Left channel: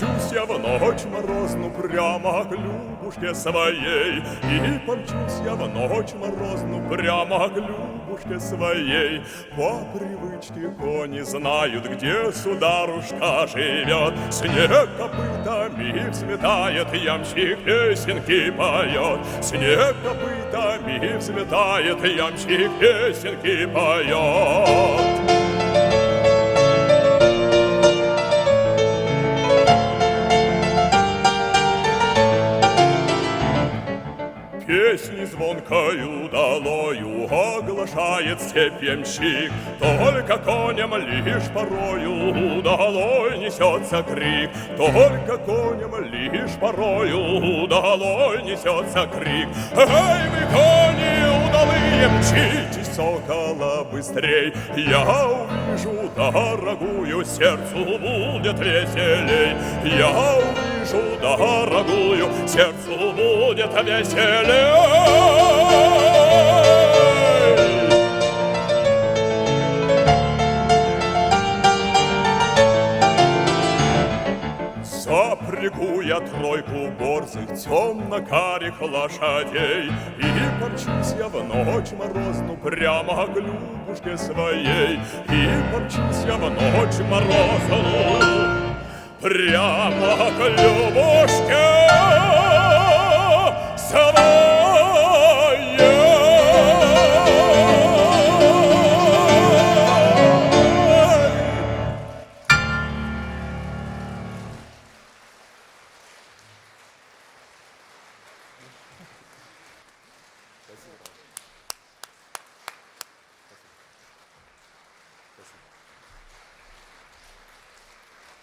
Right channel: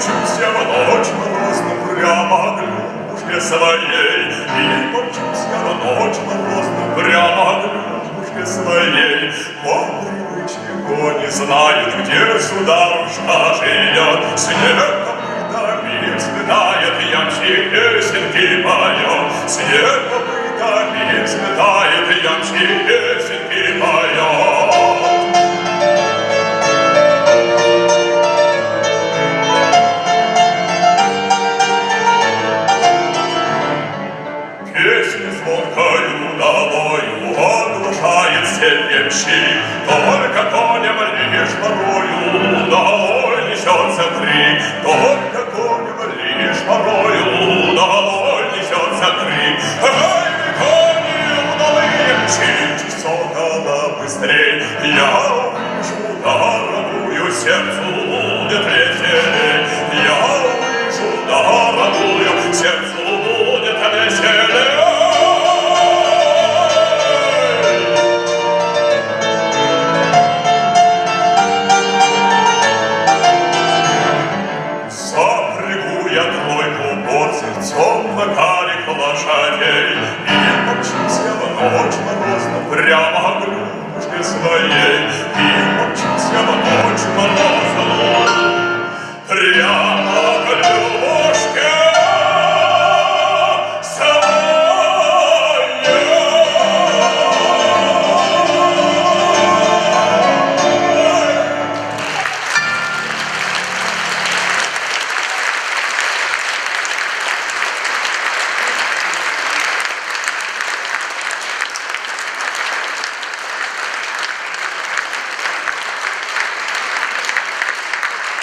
мчусь я в ночь морозную прямо к люльке своей, и мчусь я в ночь морозную прямо к люльке своей. Мокрые ничего не знают, где сюда душа живет. Снег копытами взлетает, я в себе цепи мое. Снег копытами взлетает, я в себе цепи мое. Только конем лишь порою долой несется крик, только конем лишь порою долой несется крик. Эй, кони мои, мчите, сколько быстрей, я уж ударую сердце.